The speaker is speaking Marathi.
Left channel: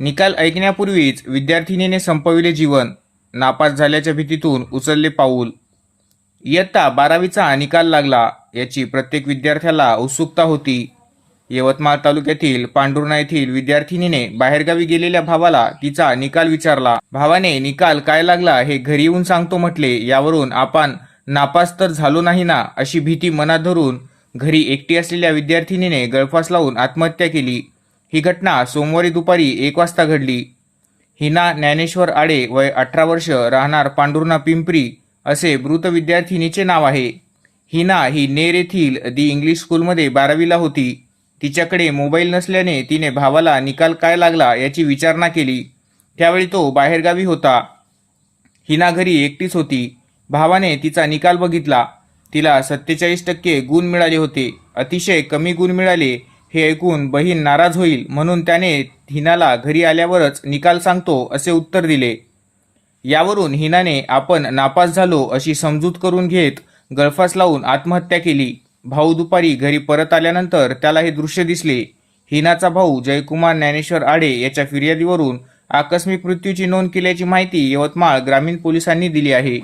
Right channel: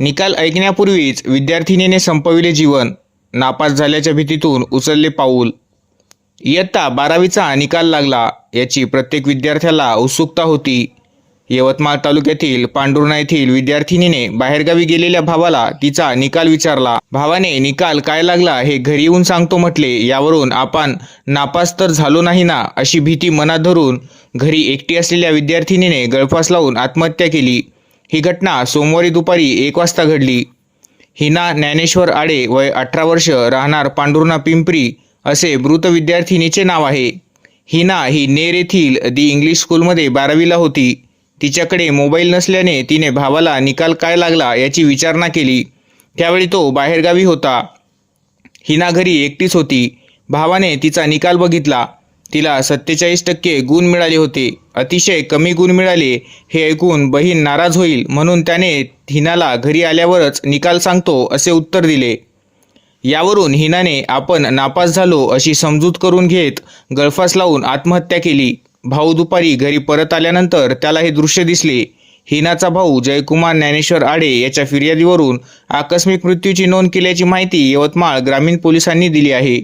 निकाल ऐकण्यापूर्वीच विद्यार्थिनीने संपविले जीवन नापास झाल्याच्या भीतीतून उचलले पाऊल. इयत्ता बारावीचा निकाल लागला याची प्रत्येक विद्यार्थ्याला उत्सुकता होती. यवतमाळ तालुक्यातील पांढुर्णा येथील विद्यार्थिनीने बाहेरगावी गेलेल्या भावाला तिचा निकाल विचारला. भावाने निकाल काय लागला हे घरी येऊन सांगतो म्हटले यावरून आपण नापास तर झालो नाही ना? अशी भीती मनात धरून घरी एकटी असलेल्या विद्यार्थिनीने गळफास लावून आत्महत्या केली. ही घटना सोमवारी दुपारी एक वाजता घडली. हिना ज्ञानेश्वर आडे वय अठरा वर्ष राहणार पांडुर्णा पिंपरी असे मृत विद्यार्थिनीचे नाव आहे. हिना ही नेर येथील दी इंग्लिश स्कूलमध्ये बारावीला होती. तिच्याकडे मोबाईल नसल्याने तिने भावाला निकाल काय लागला याची विचारणा केली. त्यावेळी तो बाहेरगावी होता. हिना घरी एकटीच होती. भावाने तिचा निकाल बघितला. तिला सत्तेचाळीस टक्के गुण मिळाले होते. अतिशय कमी गुण मिळाले हे ऐकून बहीण नाराज होईल म्हणून त्याने हिनाला घरी आल्यावरच निकाल सांगतो असे उत्तर दिले. यावरून हिनाने आपण नापास झालो अशी समजूत करून घेत गळफास लावून आत्महत्या केली. भाऊ दुपारी घरी परत आल्यानंतर त्याला हे दृश्य दिसले. हिनाचा भाऊ जयकुमार ज्ञानेश्वर आडे याच्या फिर्यादीवरून आकस्मिक मृत्यूची नोंद केल्याची माहिती यवतमाळ ग्रामीण पोलिसांनी दिली आहे.